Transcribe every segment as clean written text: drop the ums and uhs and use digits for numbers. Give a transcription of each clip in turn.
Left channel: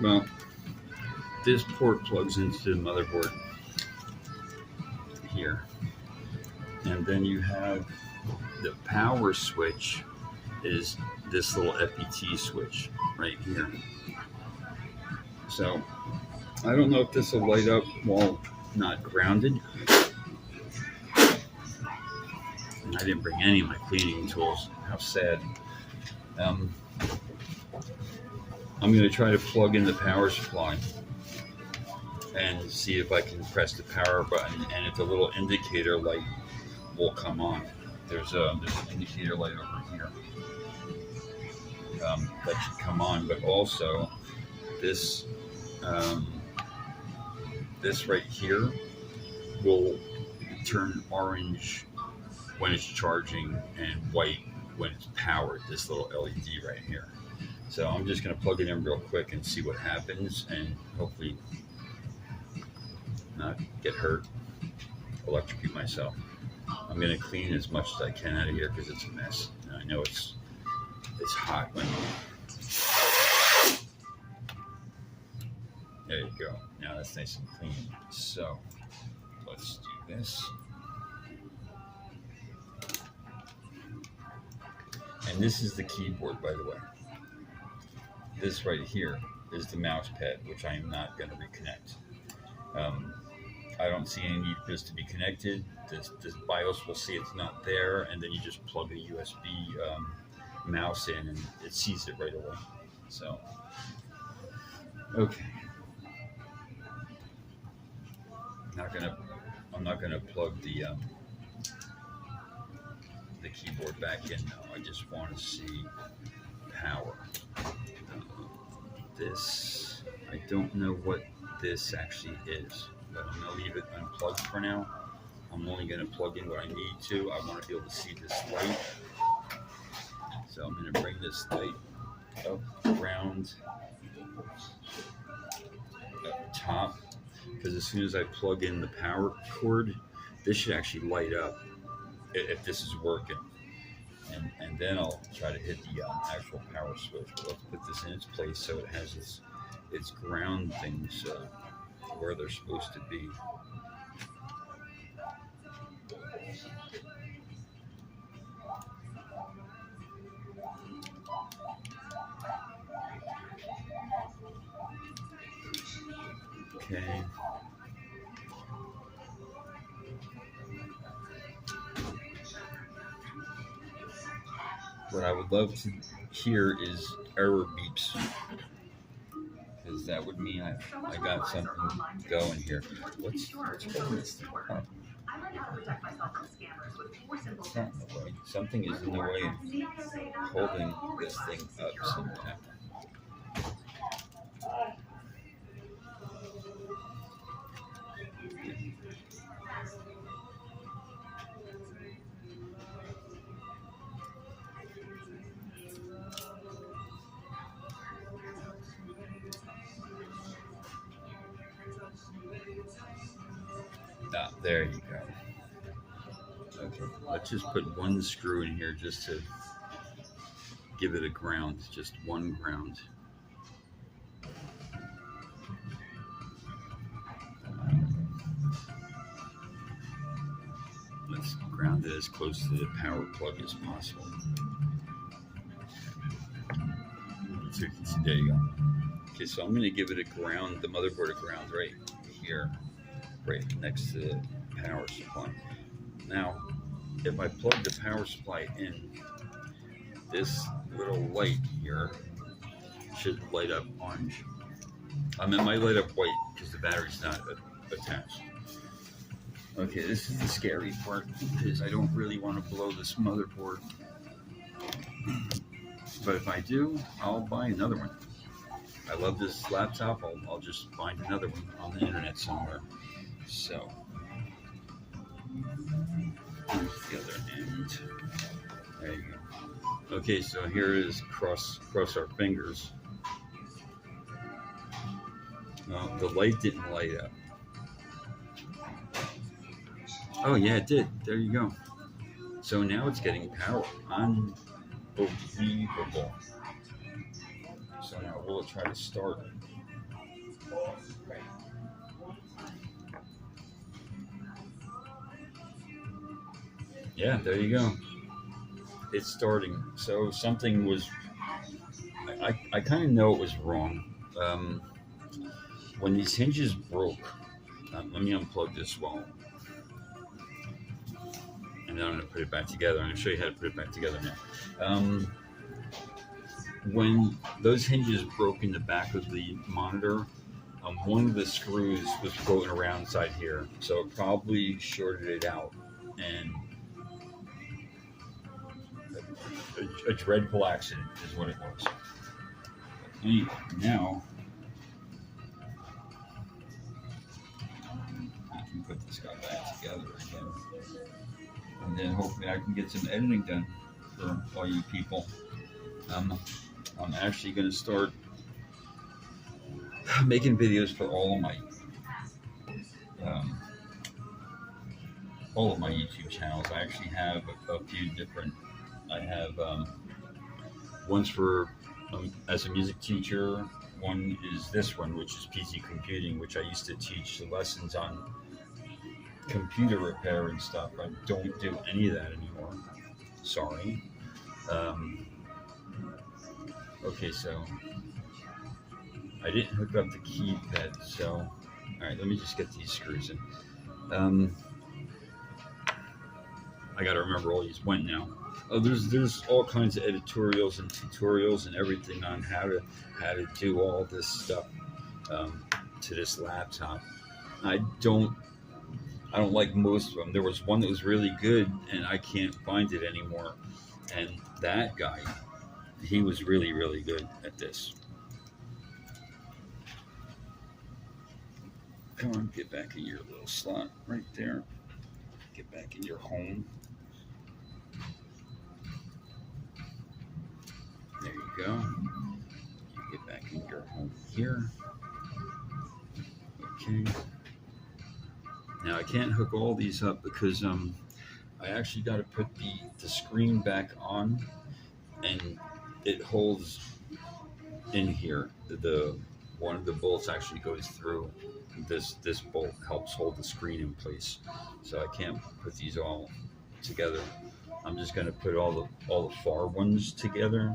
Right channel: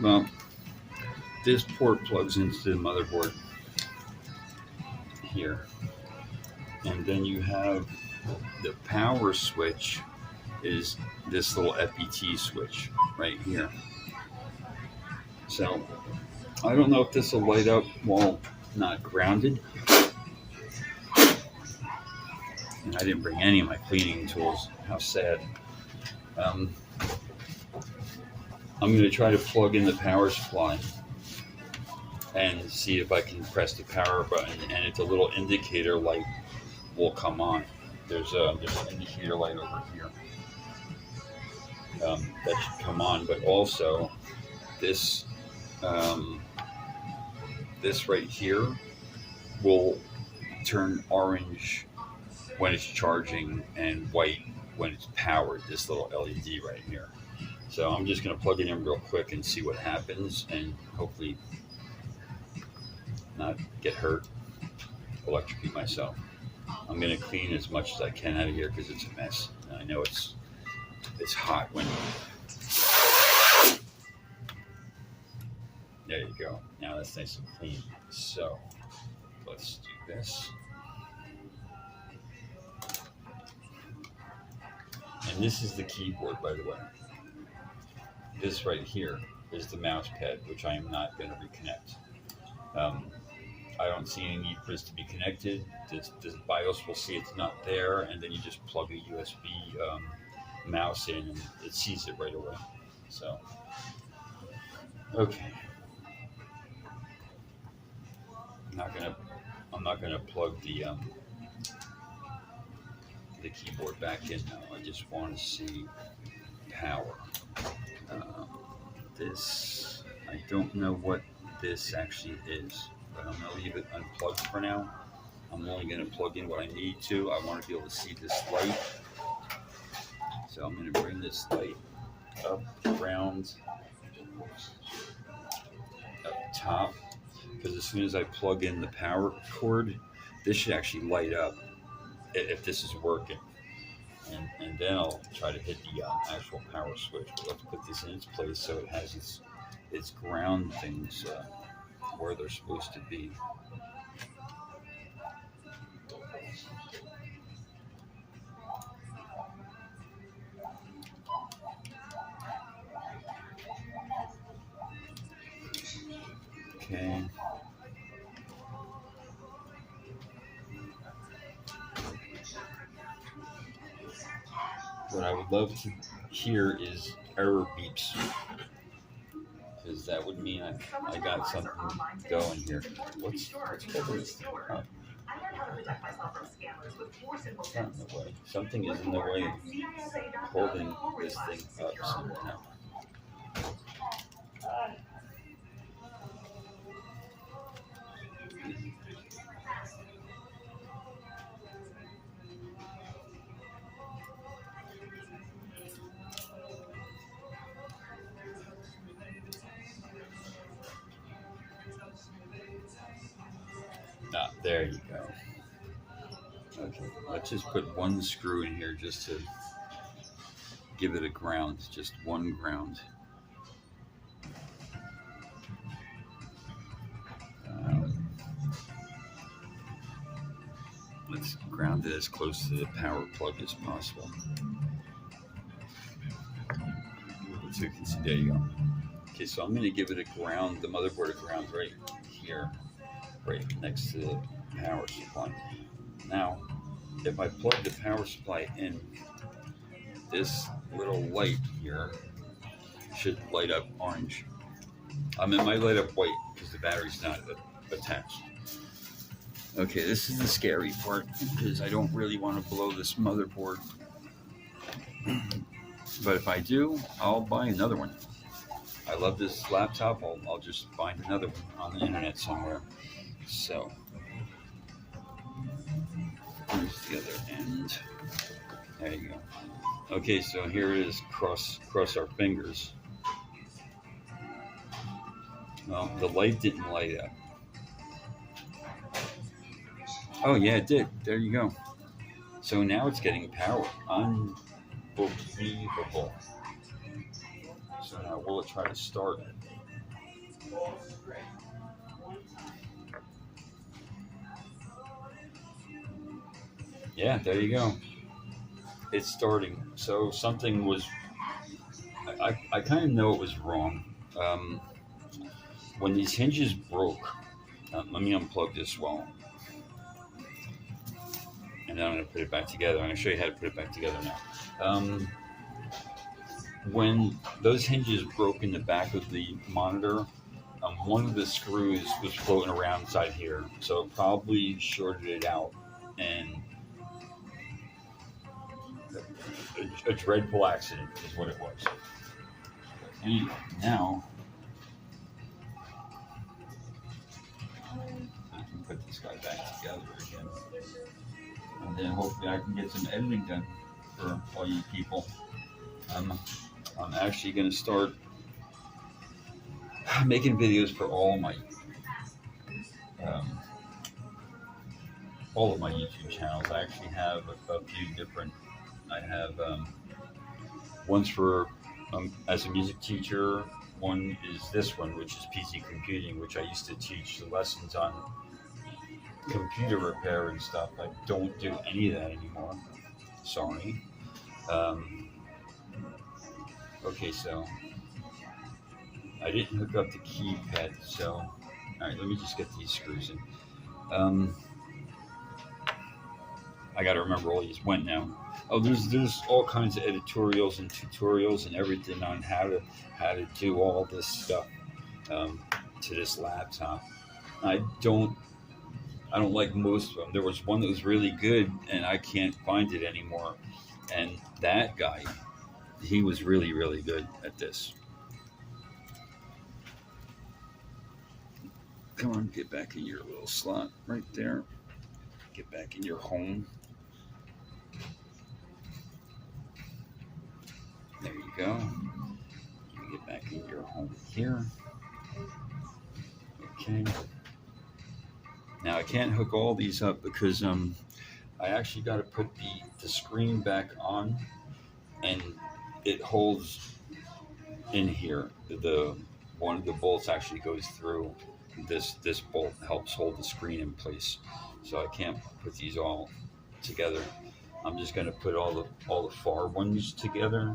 Well, this port plugs into the motherboard here, and then you have the power switch is this little FET switch right here. So I don't know if this will light up while not grounded. And I didn't bring any of my cleaning tools. How sad. Um, I'm going to try to plug in the power supply and see if I can press the power button, and if the little indicator light will come on. There's an indicator light over here that should come on, but also this this right here will turn orange when it's charging and white when it's powered. This little LED right here. So I'm just going to plug it in real quick and see what happens, and hopefully not get hurt, electrocute myself. I'm going to clean as much as I can out of here because it's a mess. And I know it's hot when. There you go. Now that's nice and clean. So let's do this. And this is the keyboard, by the way. This right here is the mouse pad, which I am not going to reconnect. I don't see any need for this to be connected. This BIOS will see it's not there, and then you just plug a USB mouse in, and it sees it right away. So, okay. I'm not gonna plug the keyboard back in now. I just want to see power. This, I don't know what this actually is, but I'm gonna leave it unplugged for now. I'm only gonna plug in what I need to. I want to be able to see this light, so I'm gonna bring this light up around up top, because as soon as I plug in the power cord, this should actually light up if this is working. And then I'll try to hit the actual power switch. But let's put this in its place so it has its ground things where they're supposed to be. Okay. What I would love to hear is error beeps, because that would mean I got something going here. What's holding this thing up? It's not in the way. Something is in the way of holding this thing up somehow. Ah, there you go. Okay, let's just put one screw in here just to give it a ground, just one ground. Let's ground it as close to the power plug as possible. So you can see, there you go. Okay, so I'm going to give it a ground, the motherboard a ground right here, right next to the power supply. Now, if I plug the power supply in, this little light here should light up orange. It might light up white because the battery's not attached. Okay, this is the scary part, because I don't really want to blow this motherboard. But if I do, I'll buy another one. I love this laptop. I'll just find another one on the internet somewhere. So, here's the other end. There you go. Okay, so here it is. Cross our fingers. Well, the light didn't light up. Oh yeah, it did. There you go. So now it's getting power. Unbelievable. So now will it try to start? Yeah, there you go. It's starting. So something was. I kind of know it was wrong. Um, when these hinges broke, let me unplug this wall, and then I'm going to put it back together. I'm going to show you how to put it back together now. When those hinges broke in the back of the monitor, one of the screws was floating around inside here, so it probably shorted it out, and a dreadful accident is what it was. Anyway, now I can put this guy back together again, and then hopefully I can get some editing done for all you people. I'm actually going to start making videos for um, all of my YouTube channels. I actually have a few different. I have one's for as a music teacher. One is this one, which is PC computing, which I used to teach the lessons on computer repair and stuff. I don't do any of that anymore. Sorry. Okay, so I didn't hook up the keypad, so all right, let me just get these screws in. I got to remember all these went now. Oh, there's all kinds of editorials and tutorials and everything on how to do all this stuff to this laptop. I don't like most of them. There was one that was really good, and I can't find it anymore. And that guy, he was really, really good at this. Come on, get back in your little slot right there. Get back in your home. There you go. You get back in your home here. Okay. Now I can't hook all these up because I actually got to put the screen back on, and it holds in here. The one of the bolts actually goes through. This bolt helps hold the screen in place, so I can't put these all together. I'm just going to put all the far ones together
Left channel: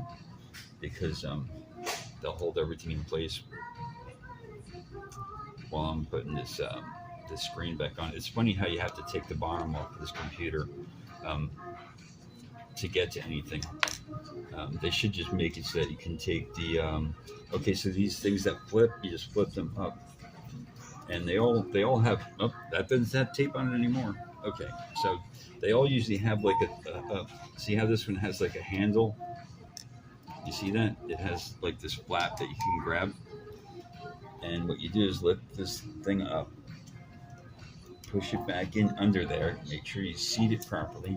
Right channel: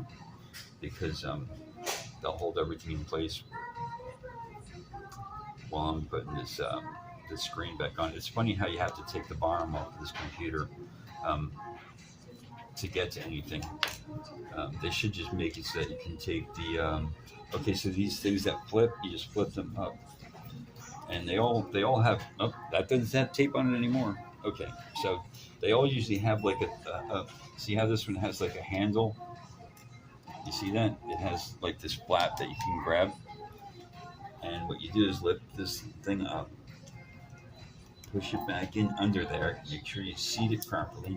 because they'll hold everything in place while I'm putting this screen back on. It's funny how you have to take the bottom off of this computer to get to anything. They should just make it so that you can take the okay, so these things that flip, you just flip them up, and they all have, oh, that doesn't have tape on it anymore. Okay, so they all usually have like a see how this one has like a handle? You see that? It has like this flap that you can grab, and what you do is lift this thing up, push it back in under there, make sure you seat it properly,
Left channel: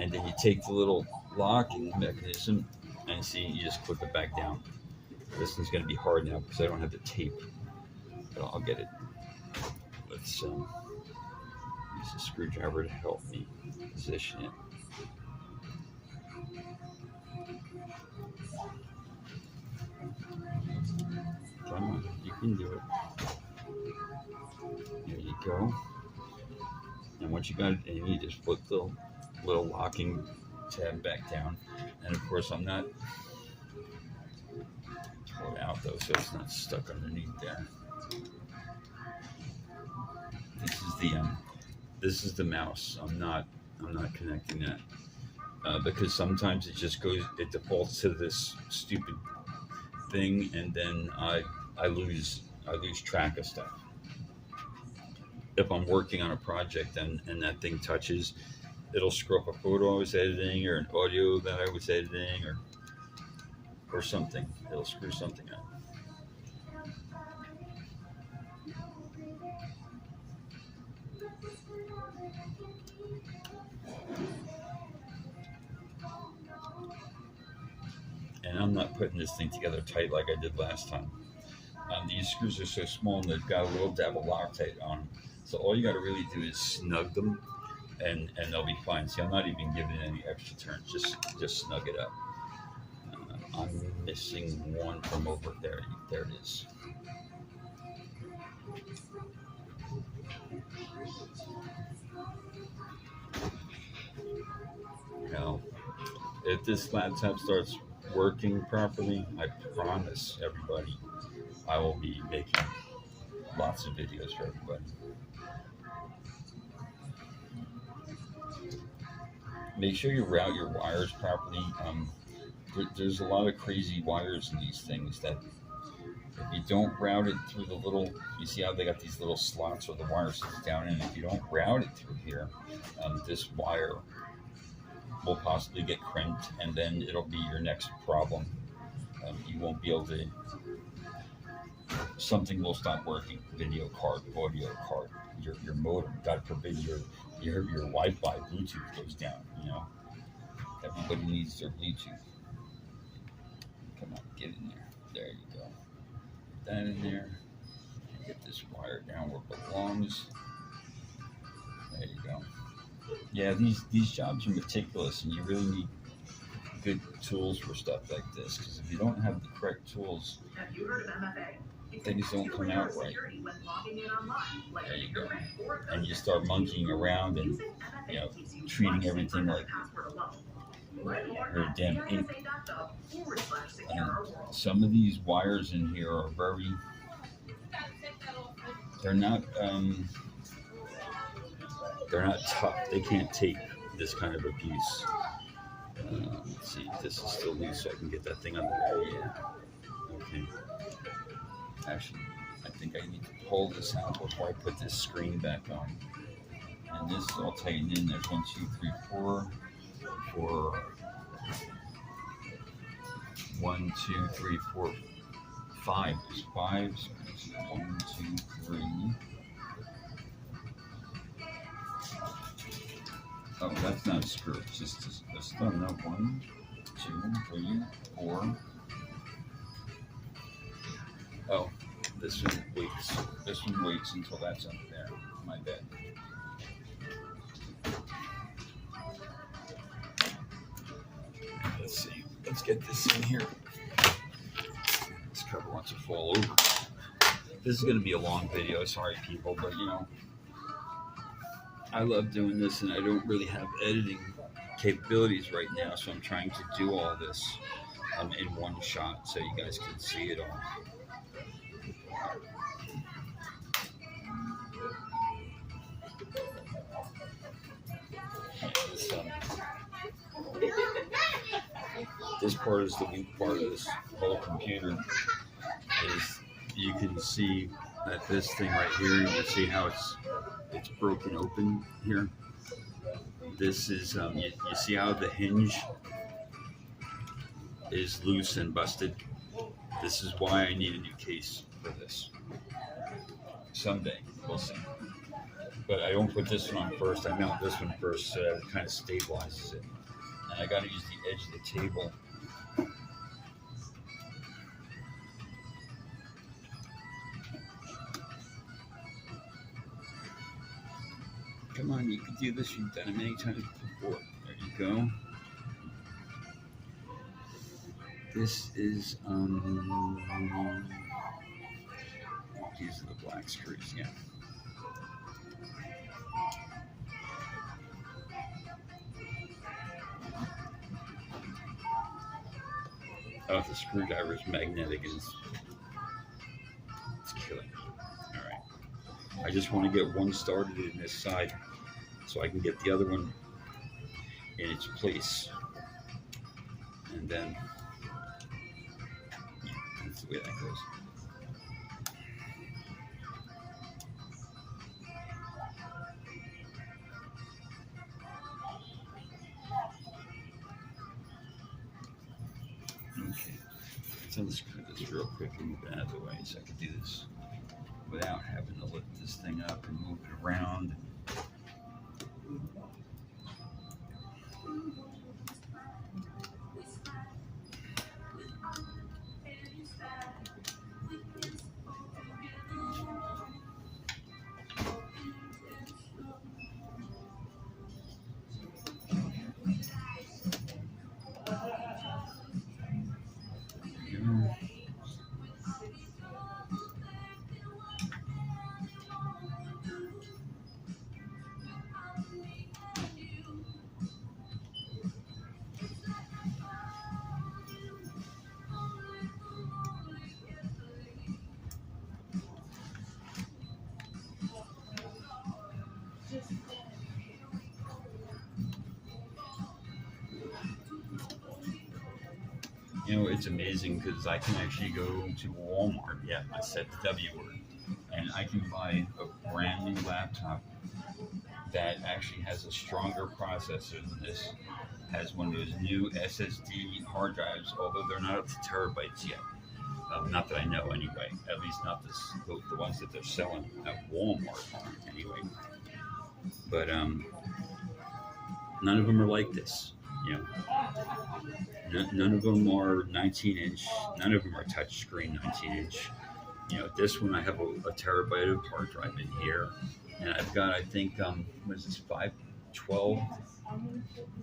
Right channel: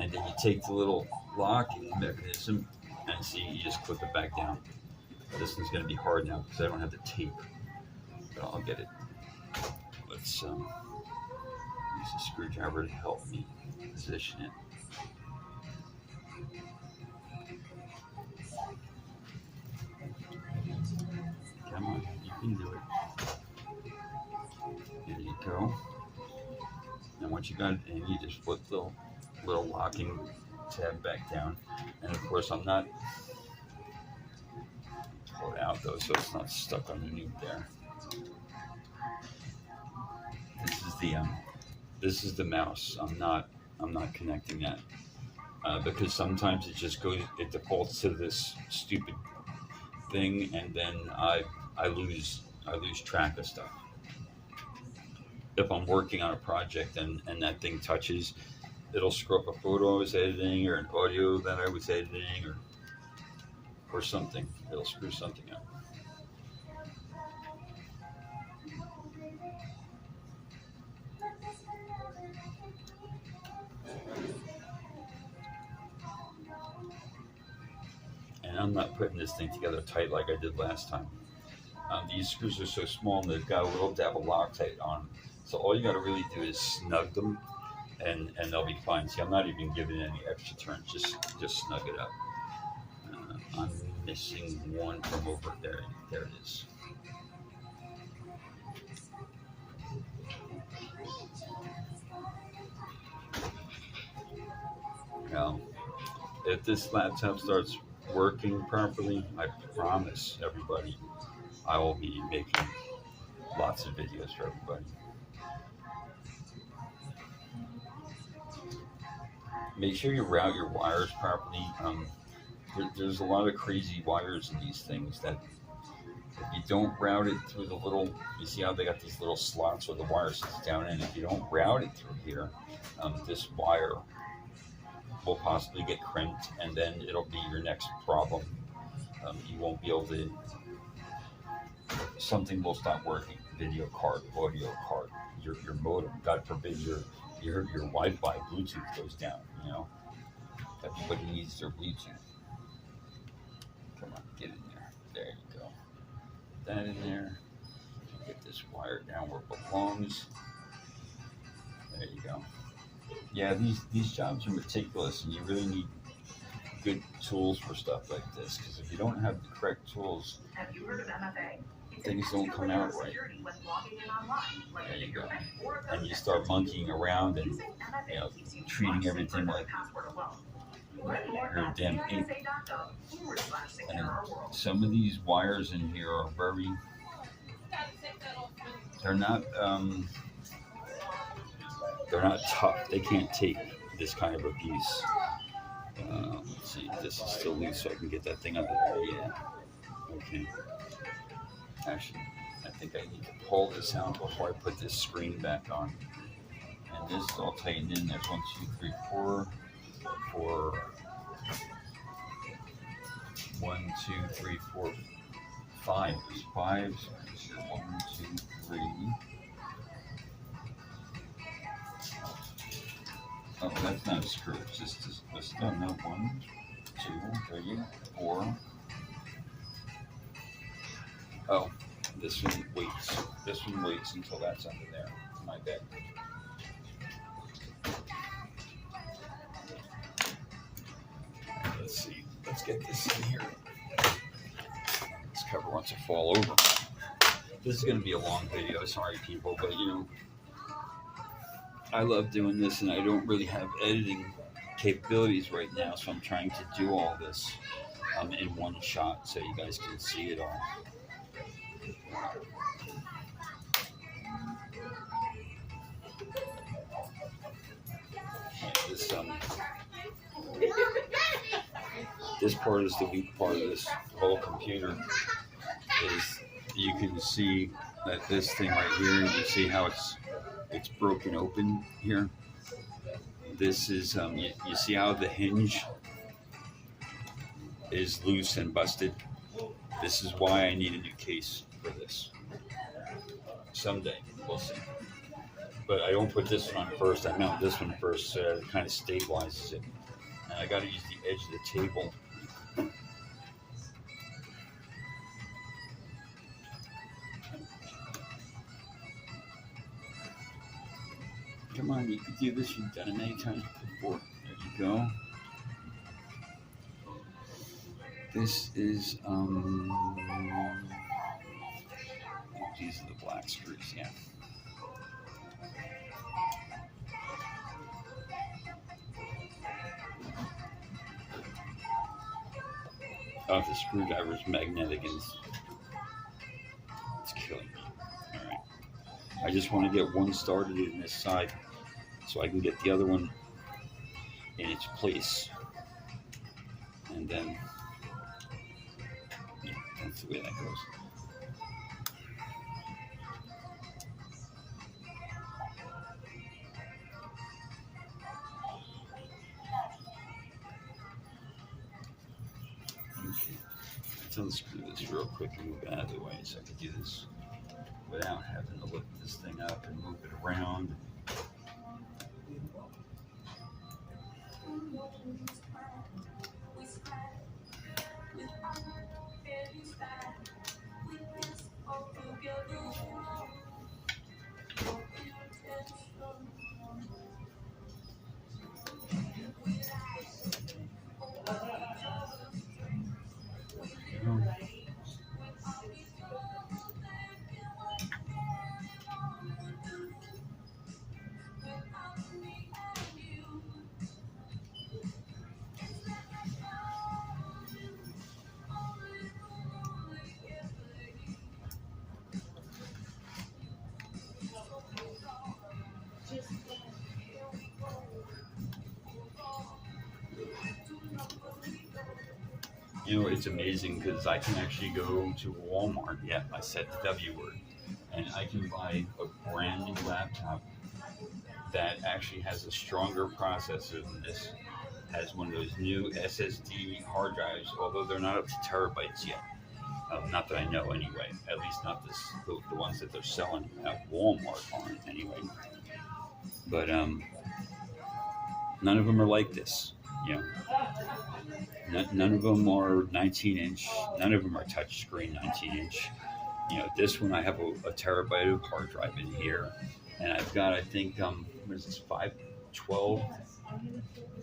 and then you take the little locking mechanism and see, you just clip it back down. This one's going to be hard now because I don't have the tape, but I'll get it. Let's use a screwdriver to help me position it. Come on, you can do it. There you go. And once you got it in, you just flip the little locking tab back down. And of course, I'm not pull it out though, so it's not stuck underneath there. This is the mouse. I'm not connecting that because sometimes it just it defaults to this stupid thing, and then I lose track of stuff. If I'm working on a project and that thing touches, it'll screw up a photo I was editing or an audio that I was editing or something. It'll screw something up. And I'm not putting this thing together tight like I did last time. These screws are so small and they've got a little dab of Loctite on them. So all you got to really do is snug them, and they'll be fine. See, I'm not even giving it any extra turns. Just snug it up. I'm missing one from over there. There it is. if this laptop starts working properly, I promise everybody I will be making lots of videos for everybody. Make sure you route your wires properly. There's a lot of crazy wires in these things that if you don't route it through the little, you see how they got these little slots where the wire sits down in. If you don't route it through here, this wire will possibly get crimped, and then it'll be your next problem. You won't be able to. Something will stop working. Video card, audio card, your modem. God forbid your Wi-Fi, Bluetooth goes down. You know, everybody needs their Bluetooth. Come on, get in there. There you go. That in there. Get this wire down where it belongs. There you go. Yeah, these jobs are meticulous, and you really need good tools for stuff like this. Because if you don't have the correct tools, things don't come out right. There you go. And you start monkeying around and treating everything like you're a damn ape. And some of these wires in here are very. They're not tough. They can't take this kind of abuse. Let's see, this is still loose, so I can get that thing under there. Yeah. Okay. Actually, I think I need to pull this out before I put this screen back on. And this is all tightened in. There's 1, 2, 3, 4. 1, 2, 3, 4, 5. There's 5. So 1, 2, 3. Oh, that's not a screw. It's just a stone. No, 1, 2, 3, 4. Oh, this one waits. This one waits until that's under there. My bad. Let's see. Let's get this in here. This cover wants to fall over. This is going to be a long video. Sorry, people, but I love doing this, and I don't really have editing capabilities right now, so I'm trying to do all this in one shot so you guys can see it all. This part is the weak part of this whole computer. Is you can see that this thing right here. You see how it's broken open here. This is you see how the hinge is loose and busted. This is why I need a new case for this. Someday we'll see. But I don't put this one on first. I mount this one first so that it kind of stabilizes it. And I got to use the edge of the table. Come on, you can do this. You've done it many times before. There you go. This is these are the black screws, yeah. Oh, the screwdriver is magnetic and it's killing me. All right. I just want to get one started in this side so I can get the other one in its place. And then, yeah, that's the way that goes. Okay, let's unscrew this real quick and move it out of the way so I can do this without having to lift this thing up and move it around. it's amazing because I can actually go to Walmart. Yeah, I said the W word, and I can buy a brand new laptop that actually has a stronger processor than this. Has one of those new SSD hard drives, although they're not up to terabytes yet. Not that I know, anyway. At least not the ones that they're selling at Walmart aren't, anyway. But none of them are like this. You know, none of them are 19-inch. None of them are touchscreen 19-inch. You know, this one I have a terabyte of hard drive in here, and I've got, I think, what is this, 512?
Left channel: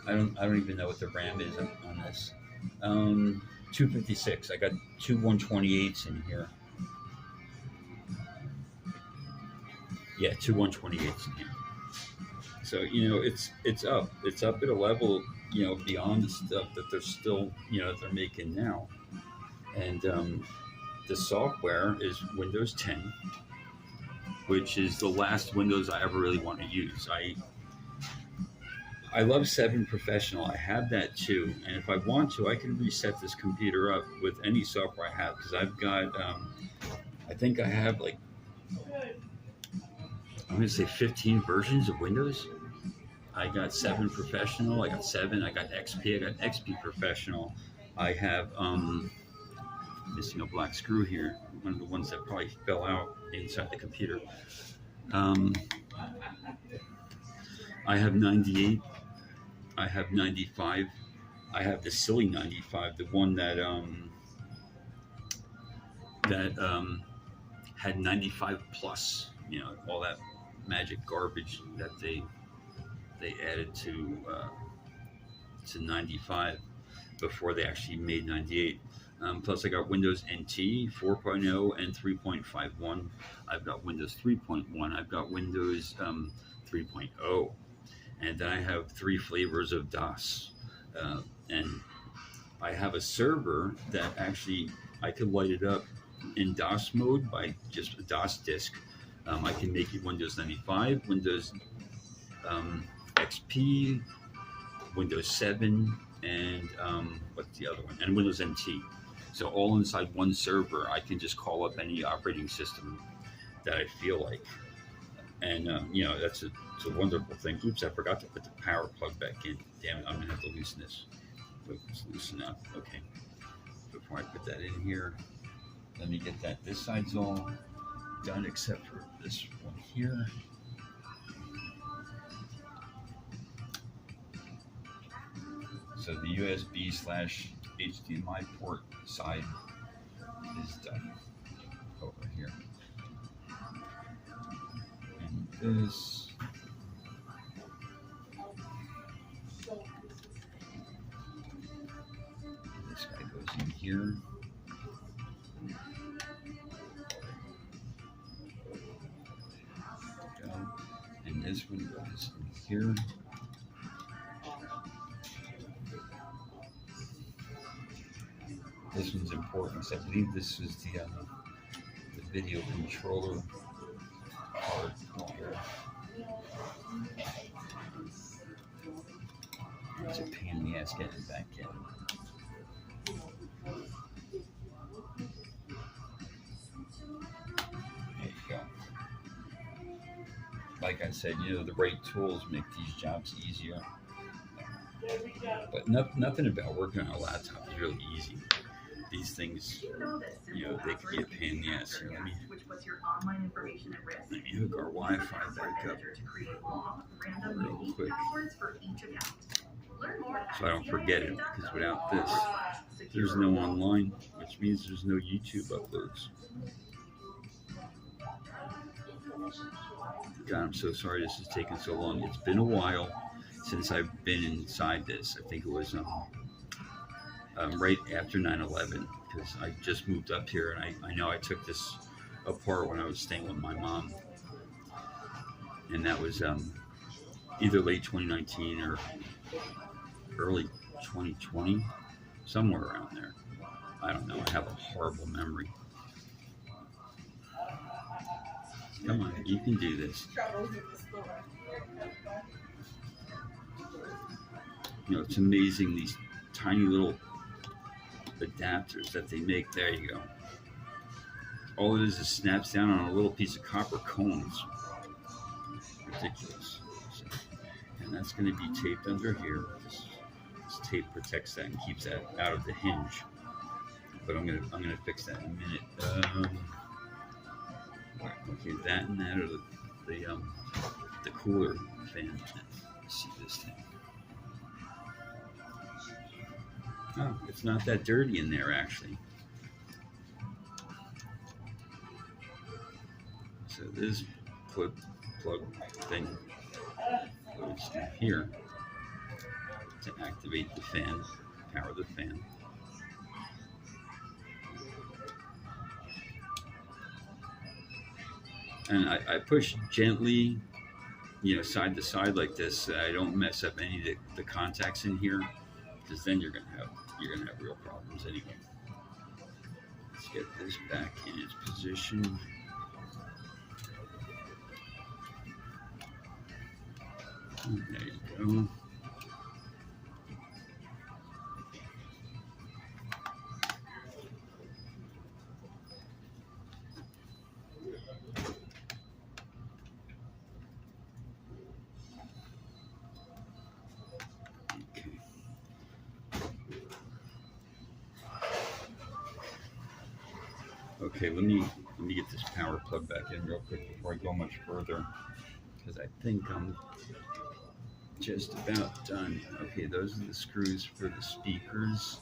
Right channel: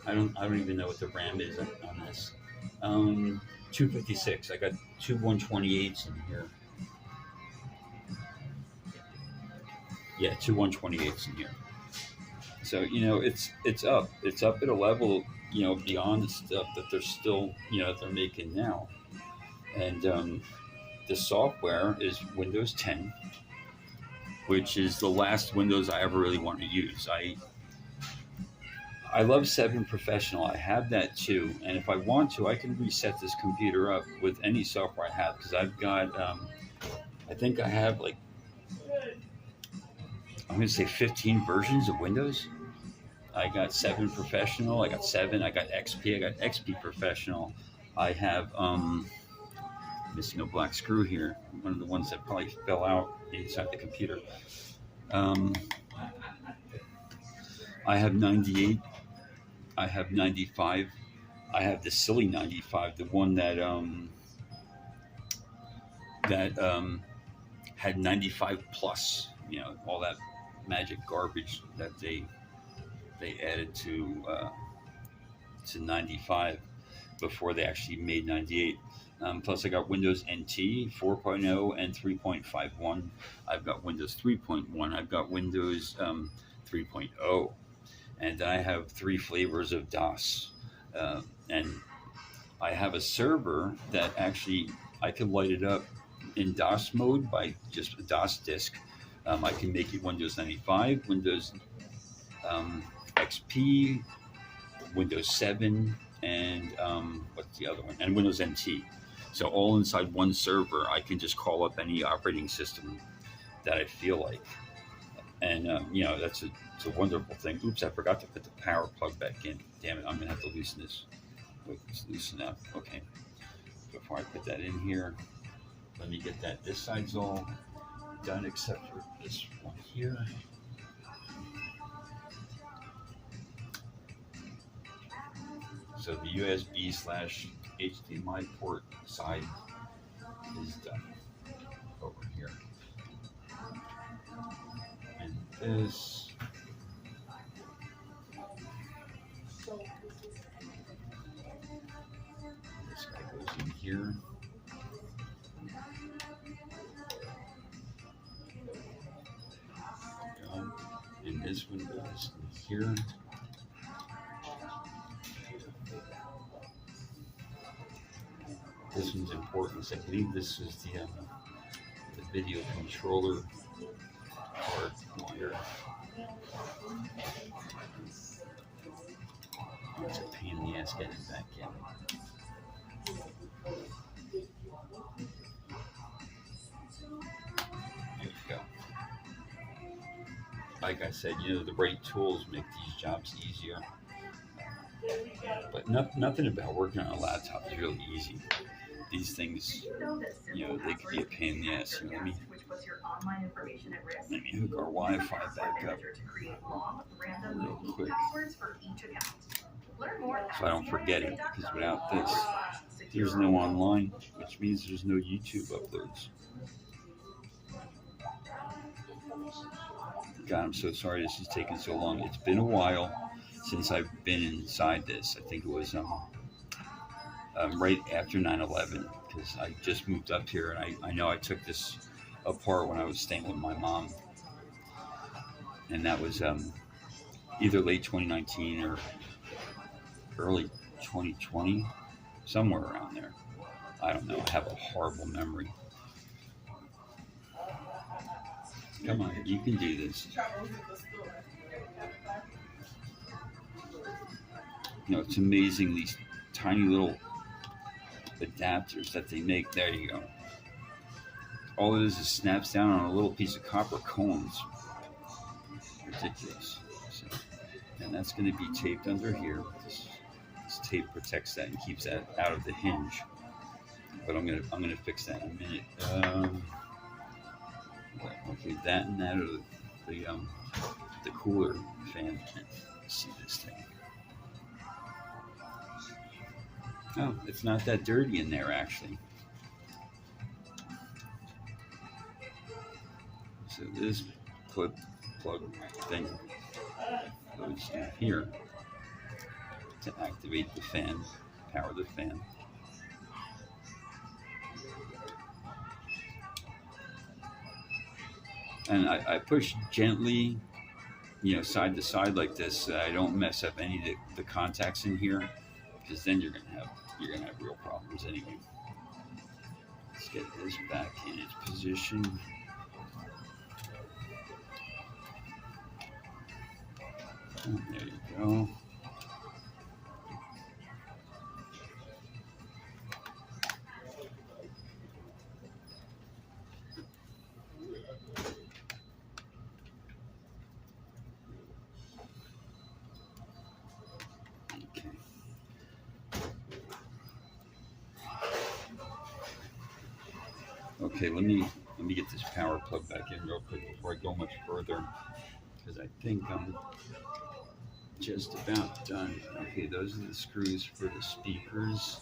I don't even know what the RAM is on this. 256. I got two 128s in here. Yeah, two 128s in here. So, you know, it's up at a level, you know, beyond the stuff that they're still, you know, that they're making now. And the software is Windows 10, which is the last Windows I ever really want to use. I love 7 Professional. I have that too, and if I want to, I can reset this computer up with any software I have, because I've got, I think I have like, I'm going to say 15 versions of Windows. I got 7 Professional, I got 7, I got XP, I got XP Professional. I have, missing a black screw here, one of the ones that probably fell out inside the computer. I have 98. I have 95. I have the silly 95, the one that had 95 plus. You know, all that magic garbage that they added to 95 before they actually made 98. Plus, I got Windows NT 4.0 and 3.51. I've got Windows 3.1. I've got Windows 3.0. And I have 3 flavors of DOS. And I have a server that actually, I can light it up in DOS mode by just a DOS disk. I can make it Windows 95, Windows XP, Windows 7, and what's the other one? And Windows NT. So all inside one server, I can just call up any operating system that I feel like. And, you know, it's a wonderful thing. Oops, I forgot to put the power plug back in. Damn it, I'm going to have to loosen this. Wait, let's loosen up. Okay. Before I put that in here, let me get that. This side's all done except for this one here. So the USB/HDMI port side is done over here. And this, guy goes in here. And this one goes in here. This one's important. I believe this is the video controller part here. It's a pain in the ass getting it back in. There you go. Like I said, you know, the right tools make these jobs easier. But nothing about working on a laptop is really easy. These things, you know, they can be a pain in the ass. Here, let me hook our Wi-Fi back up real quick so I don't forget it, because without this, there's no online, which means there's no YouTube uploads. God, I'm so sorry this is taking so long. It's been a while since I've been inside this. I think it was right after 9/11, because I just moved up here, and I know I took this apart when I was staying with my mom, and that was either late 2019 or early 2020, somewhere around there. I don't know. I have a horrible memory. Come on, you can do this. You know, it's amazing, these tiny little adapters that they make. There you go. All it is snaps down on a little piece of copper cones. Ridiculous. So, and that's going to be taped under here. This tape protects that and keeps that out of the hinge. But I'm gonna fix that in a minute. Okay, that and that are the cooler fan. Let's see this thing. Oh, it's not that dirty in there actually. So this plug thing goes in here to activate the fan, power the fan. And I push gently, side to side like this, so I don't mess up any of the contacts in here, because then you're gonna have real problems anyway. Let's get this back in its position. And there you go. Okay, let me get this power plug back in real quick before I go much further, because I think I'm just about done. Okay, those are the screws for the speakers.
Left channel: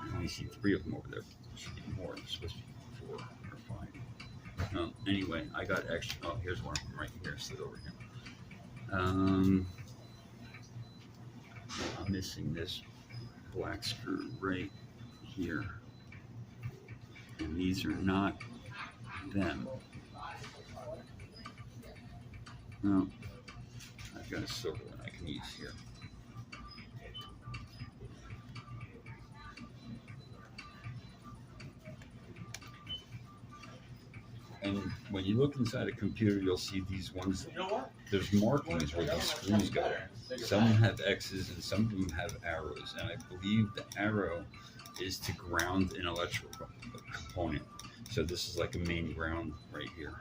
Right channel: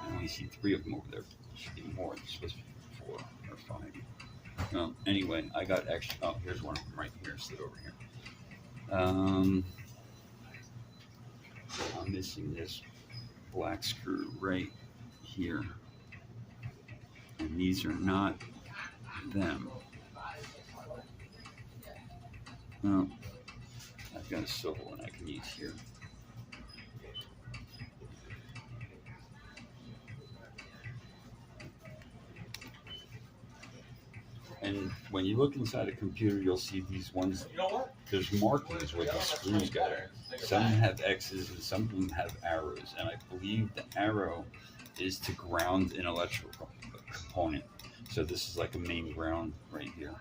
I only see 3 of them over there. There should be more. There's supposed to be 4 or 5. No, anyway, I got extra. Oh, here's one of them right here. Sit over here. I'm missing this black screw right here. And these are not them. No, I've got a silver one I can use here. And when you look inside a computer, you'll see these ones. There's markings where the screws go. Some have X's and some of them have arrows. And I believe the arrow is to ground an electrical component. So this is like a main ground right here.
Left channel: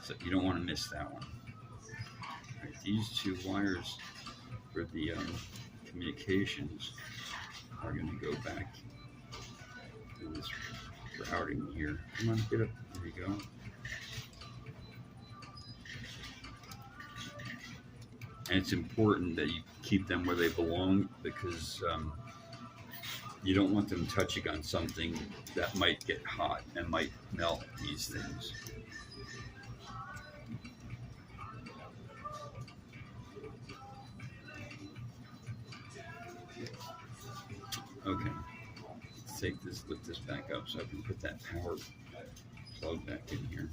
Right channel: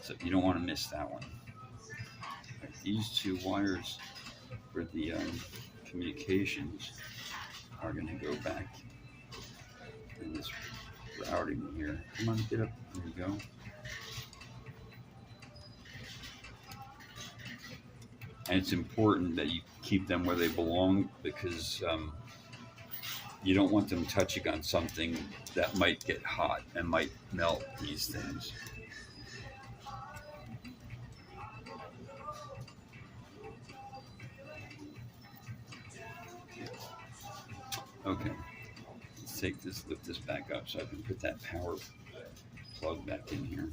So you don't want to miss that one. Right, these 2 wires for the communications are going to go back in this routing here. Come on, get up. There we go. And it's important that you keep them where they belong, because you don't want them touching on something that might get hot and might melt these things. Okay, let's take this, lift this back up so I can put that power plug back in here.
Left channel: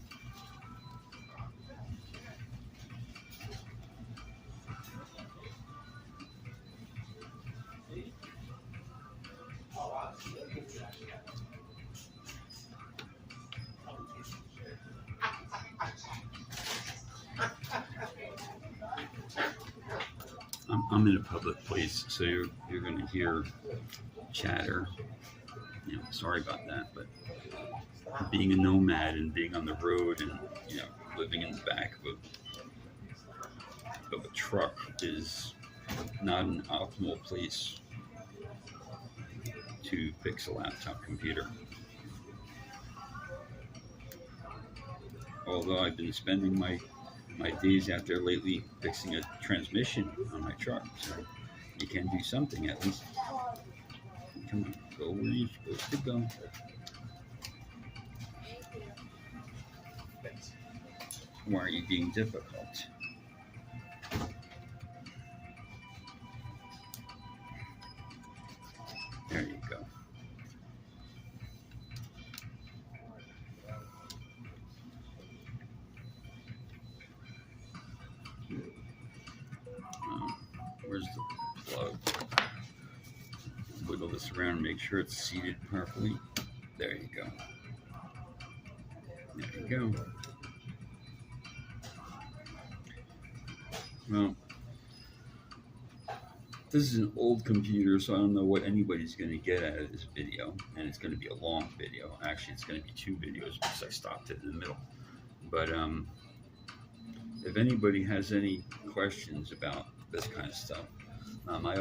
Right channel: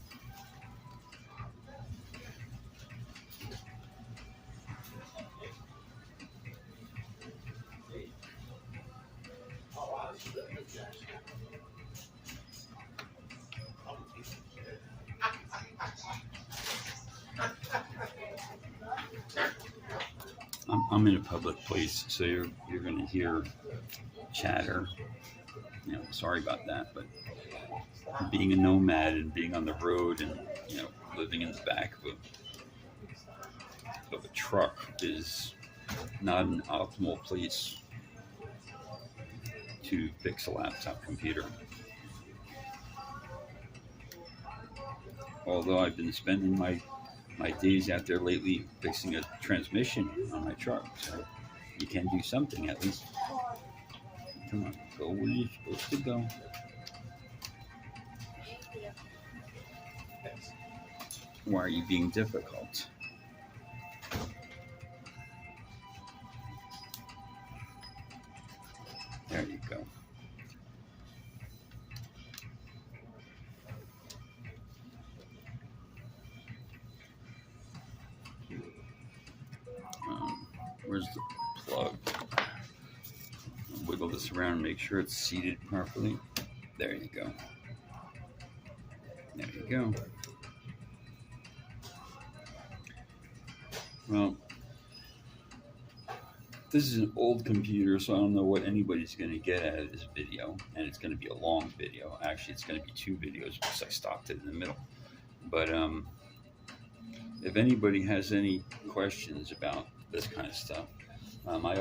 I'm in a public place, so you're going to hear chatter. Sorry about that, but being a nomad and being on the road and living in the back of a truck is not an optimal place to fix a laptop computer. Although I've been spending my days out there lately fixing a transmission on my truck, so you can do something at least. Come on, go where you're supposed to go. Why are you being difficult? There you go. Where's the plug? Wiggle this around and make sure it's seated properly. There you go. There you go. Well, This is an old computer, so I don't know what anybody's going to get out of this video, and it's going to be a long video. Actually, it's going to be 2 videos because I stopped it in the middle. But if anybody has any questions about this kind of stuff, I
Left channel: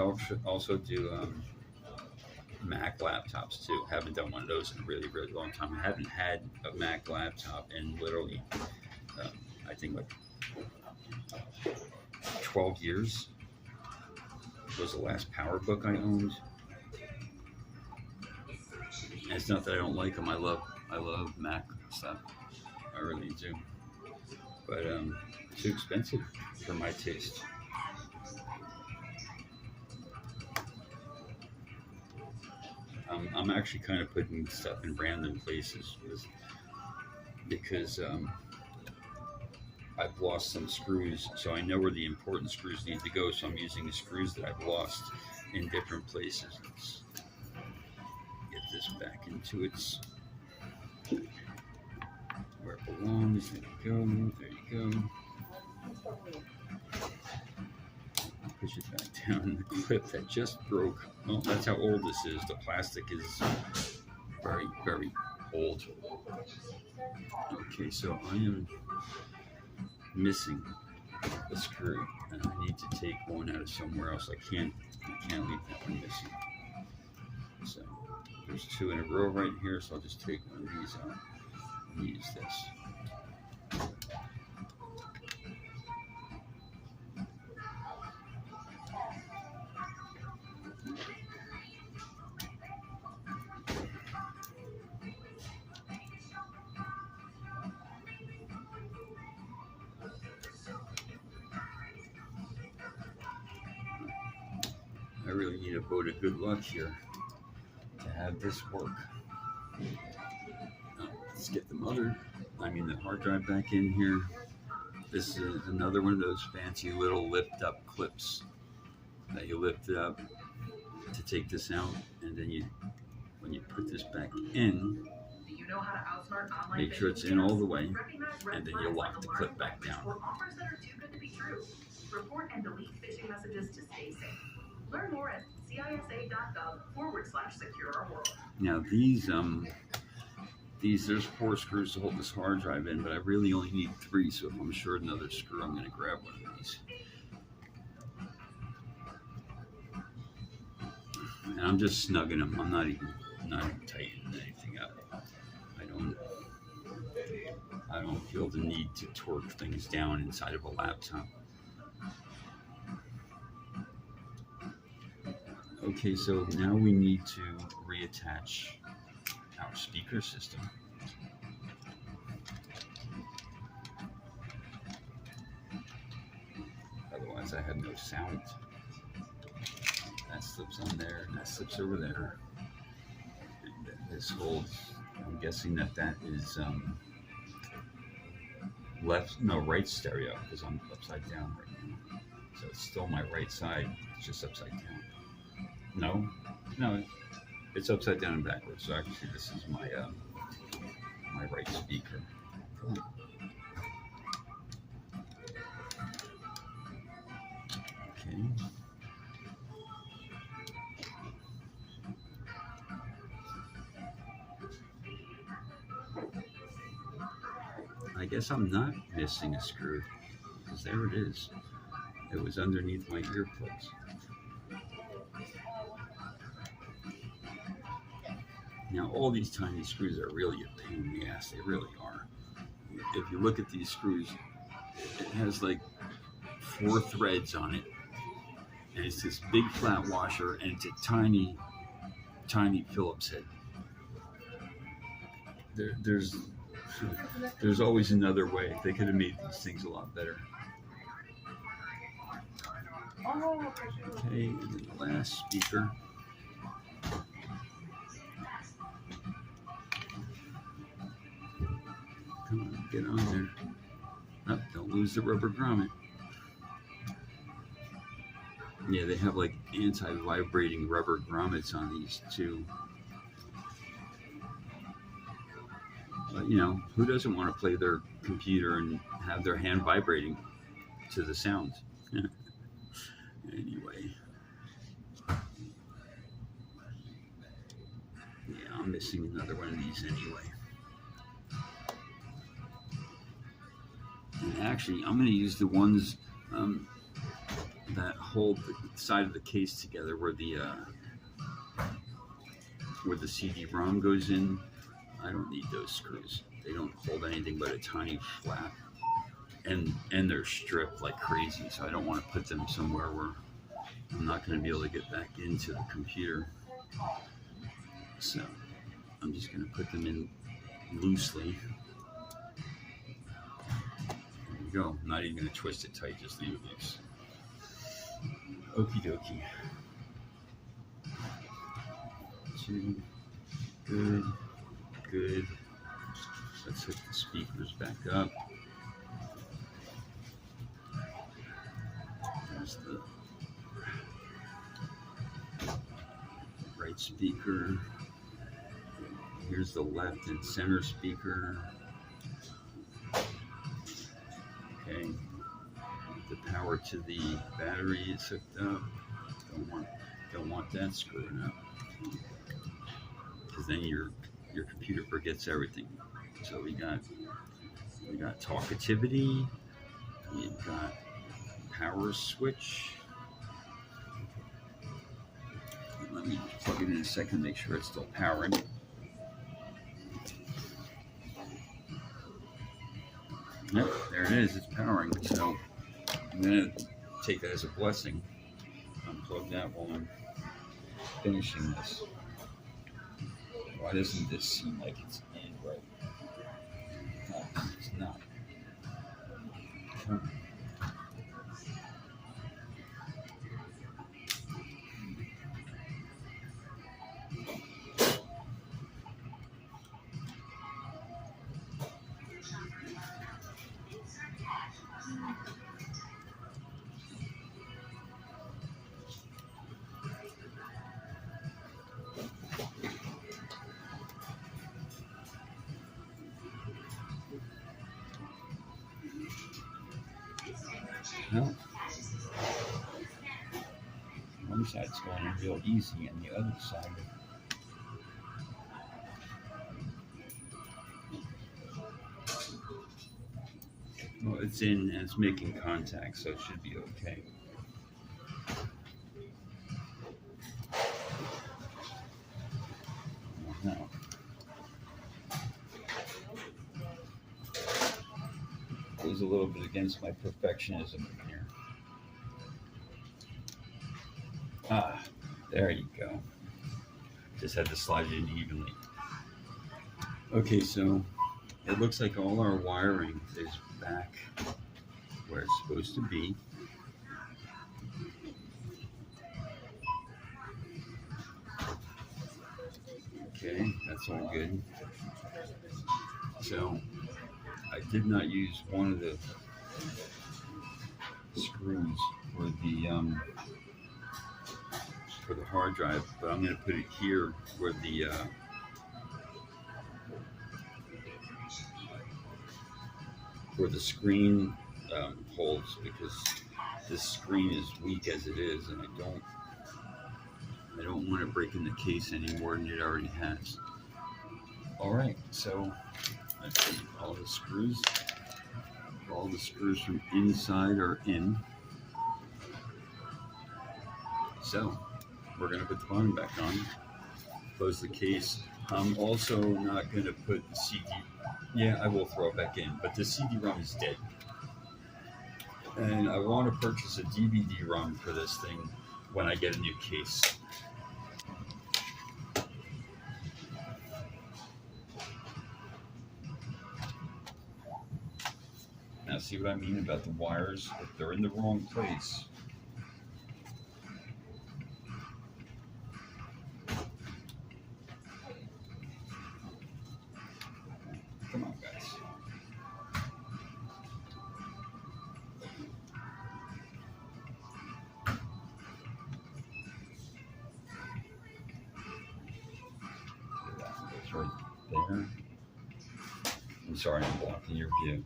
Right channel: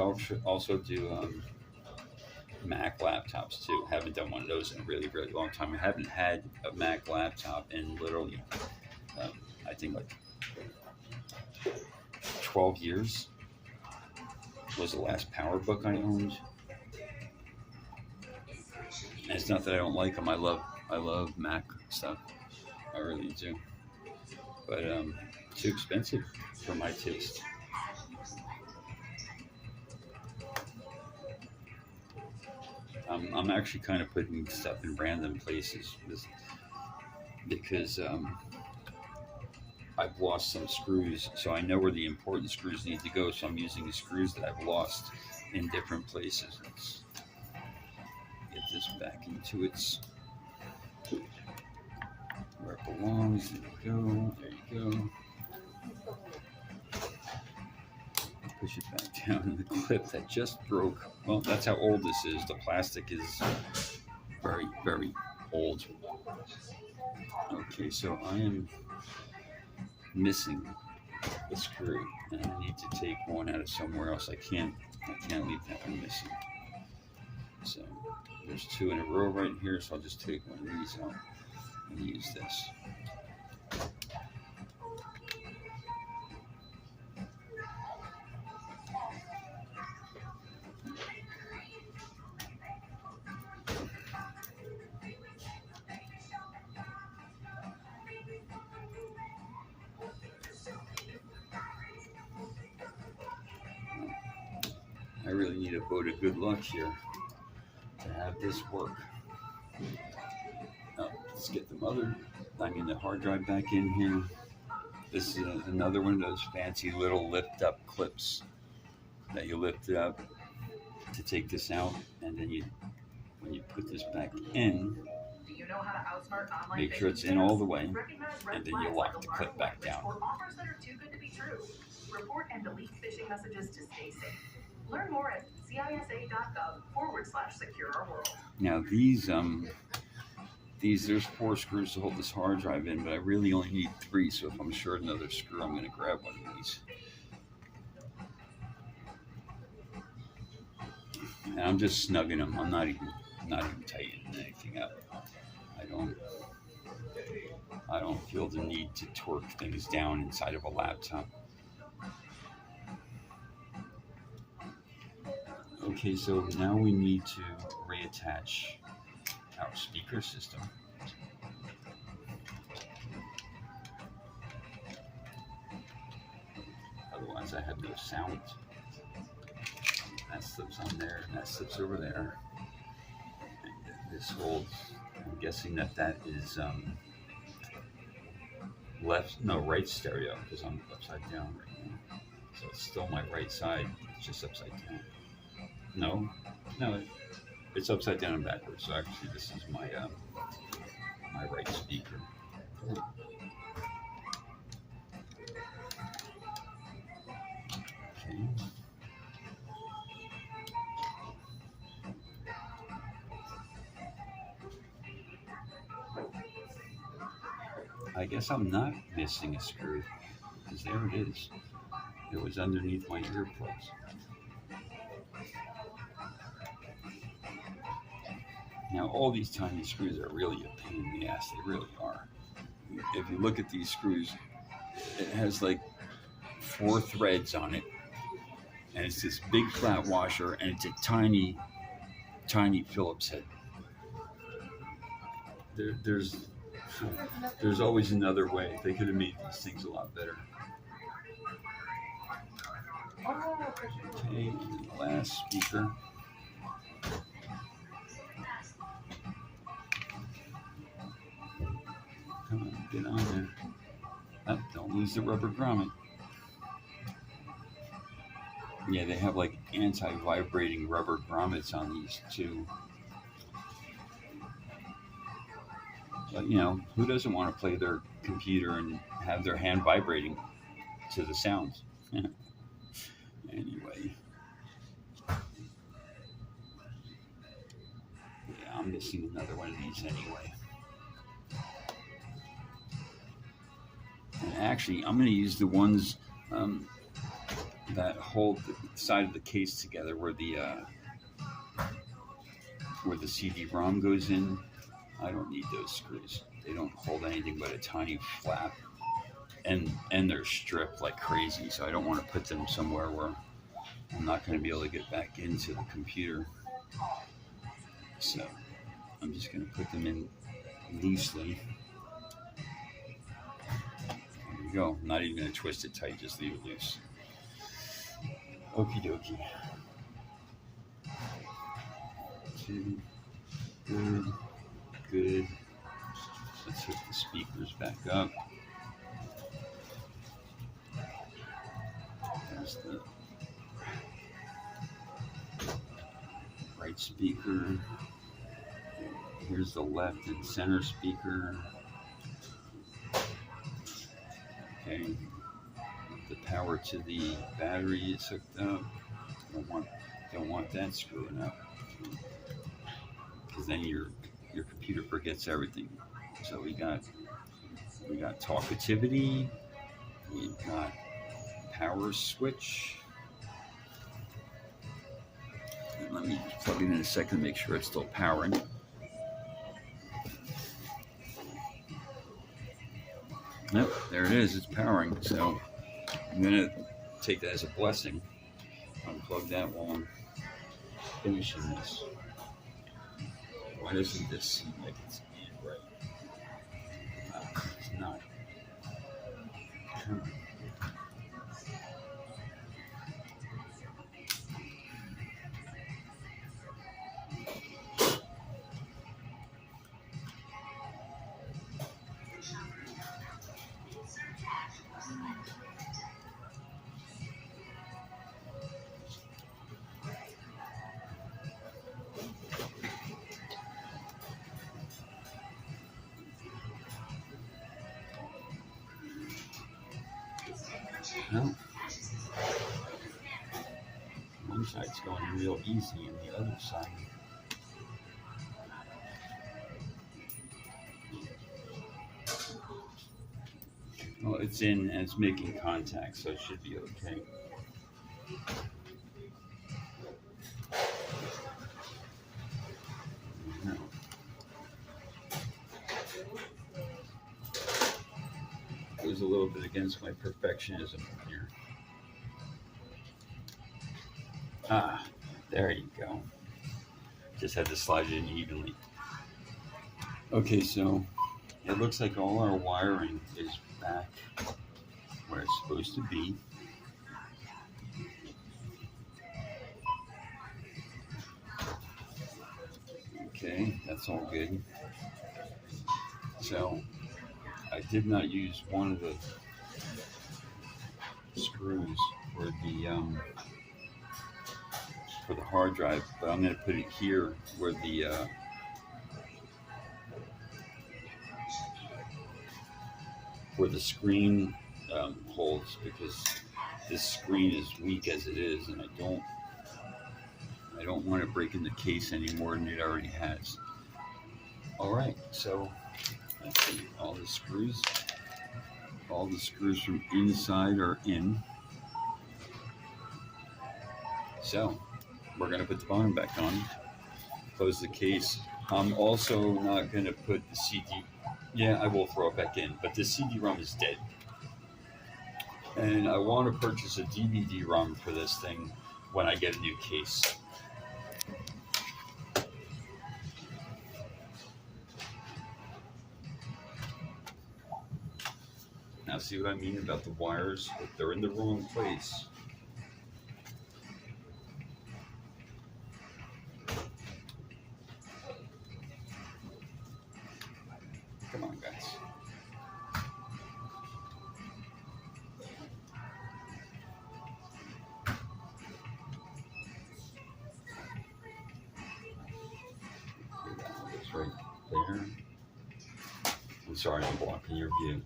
also do Mac laptops too. Haven't done one of those in a really, really long time. I haven't had a Mac laptop in literally, I think like 12 years. Was the last PowerBook I owned. And it's not that I don't like them. I love Mac stuff. I really do. But too expensive for my taste. I'm actually kind of putting stuff in random places because I've lost some screws, so I know where the important screws need to go, so I'm using the screws that I've lost in different places. Let's get this back into its where it belongs. There we go. There you go. Push it back down. The clip that just broke. Well, that's how old this is. The plastic is very, very old. Okay, so I am missing a screw, and I need to take one out of somewhere else. I can't leave that one missing. So there's 2 in a row right here, so I'll just take one of these out and use this. I really need a vote of good luck here to have this work. Let's get the hard drive back in here. This is another one of those fancy little lift up clips that you lift it up to take this out, and then when you put this back in, make sure it's in all the way, and then you lock the clip back down. Report and delete phishing messages to stay safe. Learn more at cisa.gov/secure our world. Now there's 4 screws to hold this hard drive in, but I really only need 3, so if I'm short another screw, I'm going to grab one of these. And I'm just snugging them. I'm not even tightening anything up. I don't feel the need to torque things down inside of a laptop. Okay, so now we need to reattach our speaker system. Otherwise I have no sound. That slips on there, and that slips over there. And this holds, I'm guessing that is right stereo, because I'm upside down right now. So it's still my right side, it's just upside down. No, it's upside down and backwards. So actually, this is my my right speaker. Okay. I guess I'm not missing a screw, because there it is. It was underneath my earplugs. Now, all these tiny screws are really a pain in the ass. They really are. If you look at these screws, it has like 4 threads on it, and it's this big flat washer, and it's a tiny, tiny Phillips head. There's always another way. They could have made these things a lot better. Okay, and then the last speaker. Come on, get on there. Oh, don't lose the rubber grommet. Yeah, they have like anti-vibrating rubber grommets on these too. But you know, who doesn't want to play their computer and have their hand vibrating to the sounds? Anyway, I'm missing another one of these anyway. And actually, I'm going to use the ones that hold the side of the case together, where the CD-ROM goes in. I don't need those screws. They don't hold anything but a tiny flap, and they're stripped like crazy. So I don't want to put them somewhere where I'm not going to be able to get back into the computer. So I'm just going to put them in loosely. There we go. I'm not even going to twist it tight, just leave it loose. Okie dokie. Two. Good. Good. Let's hook the speakers back up. There's the right speaker. Here's the left and center speaker. Okay. The power to the battery is hooked up. Don't want that screwing up, because then your computer forgets everything. So we got talkativity. We've got power switch. Let me plug it in a second to make sure it's still powering. Yep, there it is. It's powering. So I'm going to take that as a blessing. Unplug that while I'm finishing this. Why doesn't this seem like it's in right? It's not. Come on. No. One side's going real easy, and the other side. Well, it's in and it's making contact, so it should be okay. No. Goes a little bit against my perfectionism here. Ah, there you go. Just had to slide it in evenly. Okay, so it looks like all our wiring is back where it's supposed to be. Okay, that's all good. So I did not use one of the screws for the hard drive, but I'm going to put it here where the screen holds, because this screen is weak as it is, and I don't want it breaking the case any more than it already has. All right, so let's see, all the screws from inside are in. So we're going to put the bottom back on, close the case. I'm also not going to put the CD. Yeah, I will throw it back in, but the CD-ROM is dead. And I want to purchase a DVD-ROM for this thing when I get a new case. Now, see what I mean about the wires? If they're in the wrong place. Come on, guys. See, that one goes right there. I'm sorry, I'm blocking your view.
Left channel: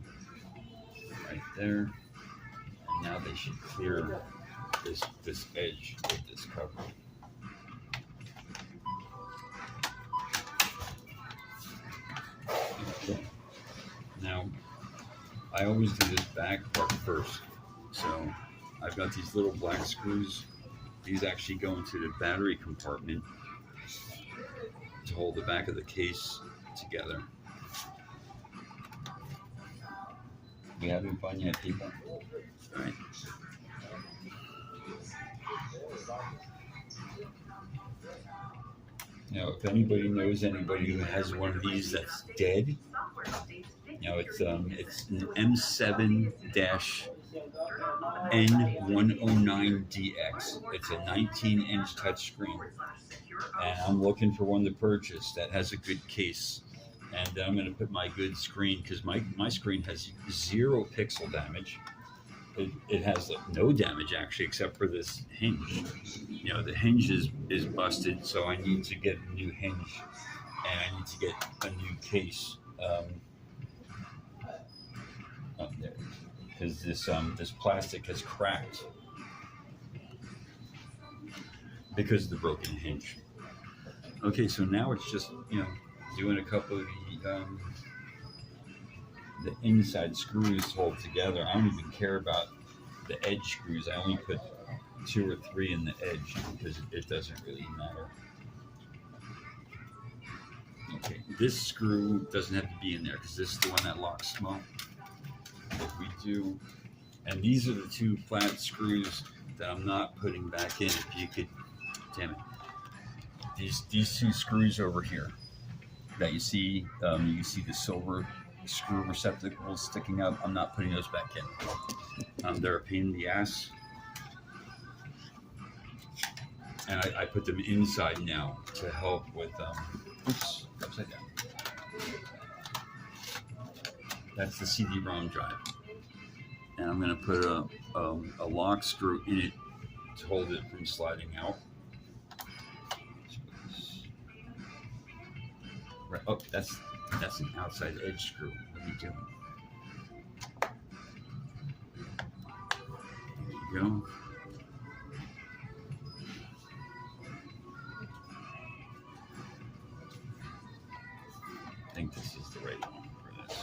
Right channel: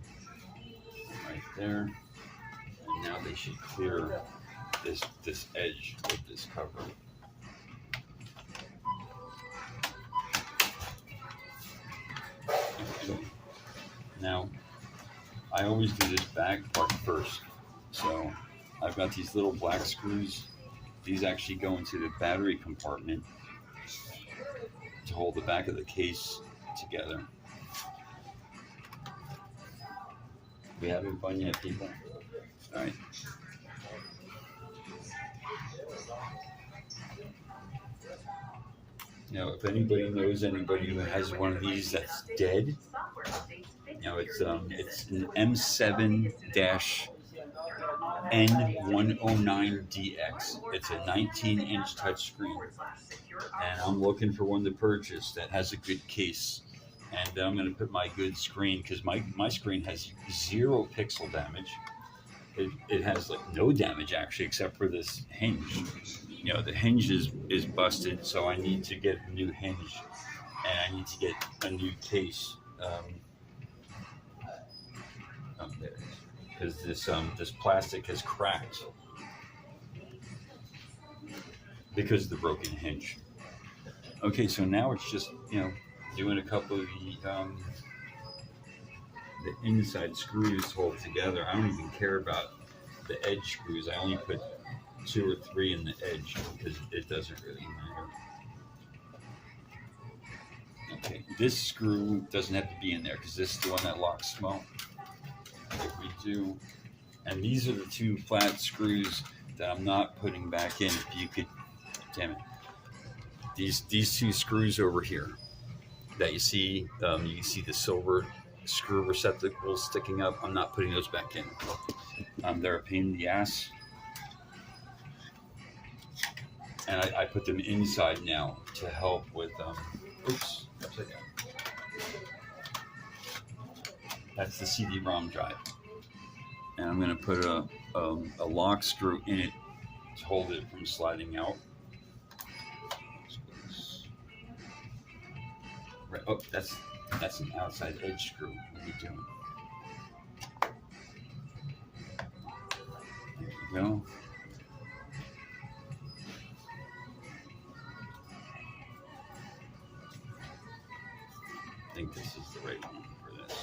Right there. And now they should clear this edge with this cover. I always do this back part first. So I've got these little black screws. These actually go into the battery compartment to hold the back of the case together. We having fun yet, people? All right. Now, if anybody knows anybody who has one of these that's dead, it's an M7-N109DX. It's a 19-inch touchscreen, and I'm looking for one to purchase that has a good case. And then I'm going to put my good screen, because my screen has 0 pixel damage. It has like no damage actually, except for this hinge. The hinge is busted, so I need to get a new hinge, and I need to get a new case. There it is. Because this plastic has cracked because of the broken hinge. Okay, so now it's just doing a couple of the inside screws to hold it together. I don't even care about the edge screws. I only put 2 or 3 in the edge because it doesn't really matter. Okay, this screw doesn't have to be in there because this is the one that locks small. If we do, and these are the 2 flat screws that I'm not putting back in. If you could, damn it, these 2 screws over here that you see the silver screw receptacles sticking up. I'm not putting those back in. They're a pain in the ass, and I put them inside now to help with oops, upside down. That's the CD-ROM drive, and I'm going to put a lock screw in it to hold it from sliding out. Right. Oh, that's an outside edge screw. What are you doing? There you go. I think this is the right one for this.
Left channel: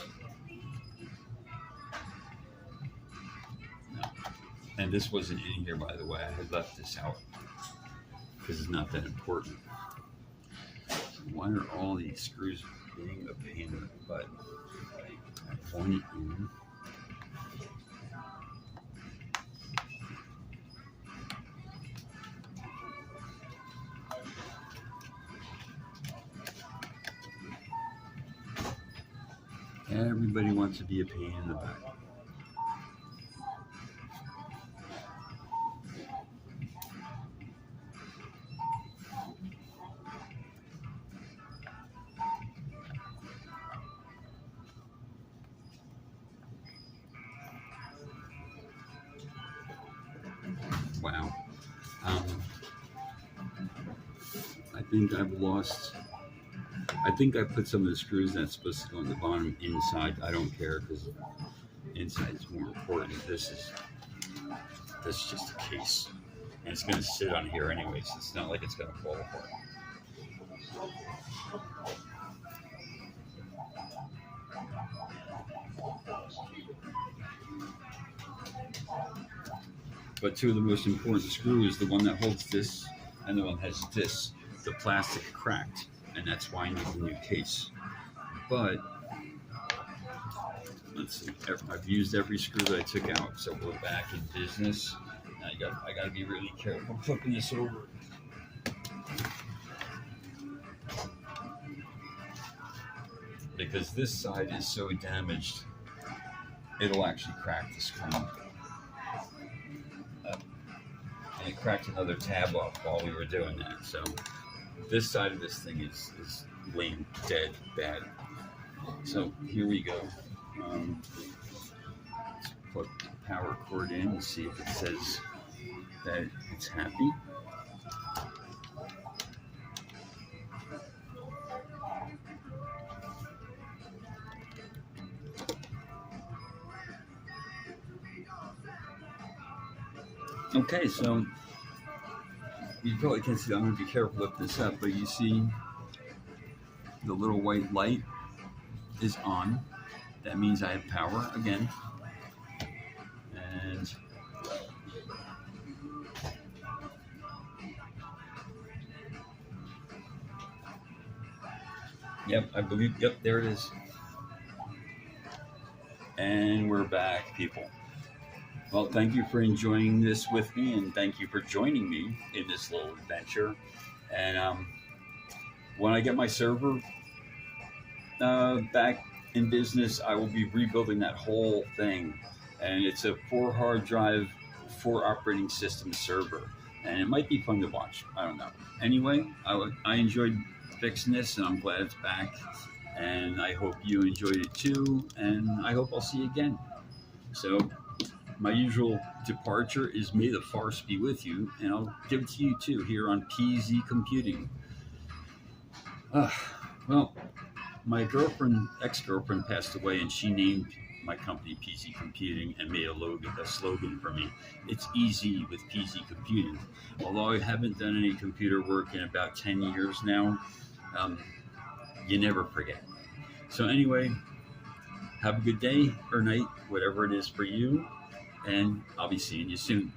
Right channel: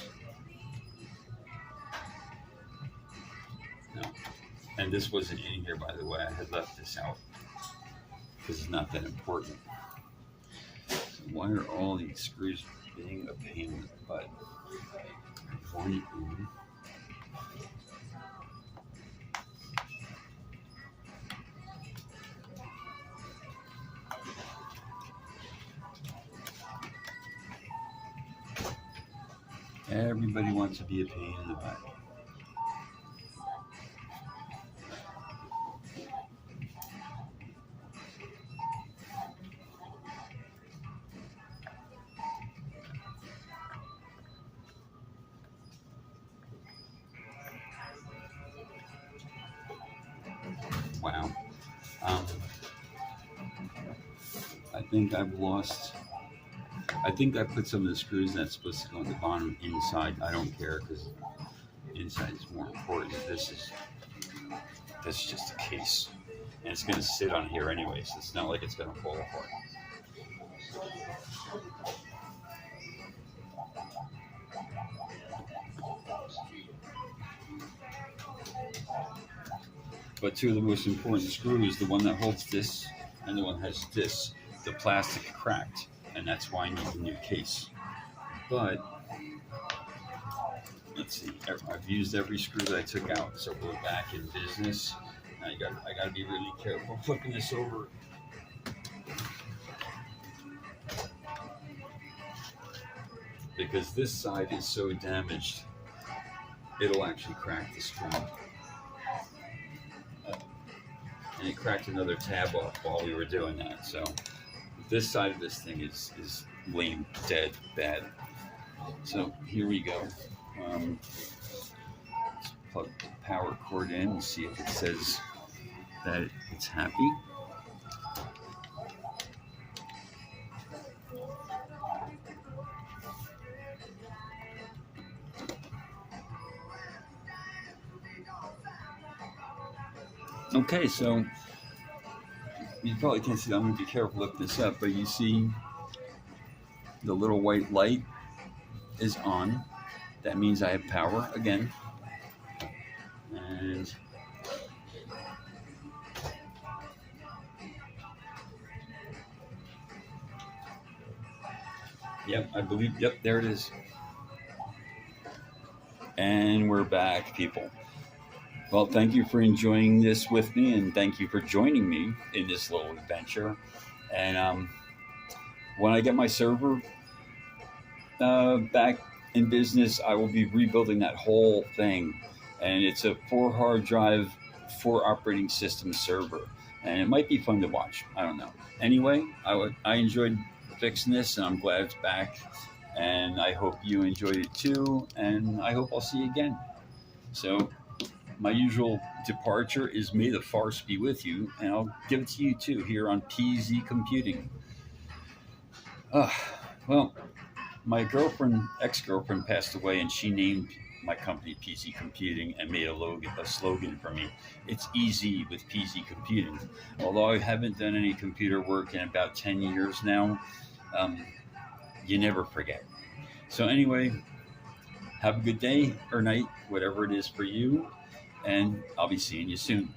No. And this wasn't in here, by the way. I had left this out because it's not that important. Why are all these screws being a pain in the butt? One in. Everybody wants to be a pain in the butt. Wow. I think I put some of the screws that's supposed to go on the bottom inside. I don't care because inside is more important. This is just a case, and it's going to sit on here anyway, so it's not like it's going to fall apart. But 2 of the most important screws, the one that holds this and the one that has this, the plastic cracked, and that's why I need a new case. But let's see, I've used every screw that I took out, so we're back in business. And I got to be really careful flipping this over. Because this side is so damaged, it'll actually crack the screen. And it cracked another tab off while we were doing that. So this side of this thing is lame, dead, bad. So here we go. Let's plug the power cord in and see if it says that it's happy. Okay, so you probably can't see that. I'm going to be careful to lift this up, but you see the little white light is on. That means I have power again. And yep, I believe, yep, there it is. And we're back, people. Well, thank you for enjoying this with me, and thank you for joining me in this little adventure. And when I get my server back in business, I will be rebuilding that whole thing. And it's a 4 hard drive, 4 operating system server. And it might be fun to watch. I don't know. Anyway, I enjoyed fixing this, and I'm glad it's back. And I hope you enjoyed it too. And I hope I'll see you again. So, my usual departure is may the force be with you, and I'll give it to you too here on PZ Computing. Uh, well, my ex-girlfriend, passed away, and she named my company PZ Computing and made a slogan for me. It's easy with PZ Computing. Although I haven't done any computer work in about 10 years now, um, you never forget. So anyway, have a good day or night, whatever it is for you, and I'll be seeing you soon.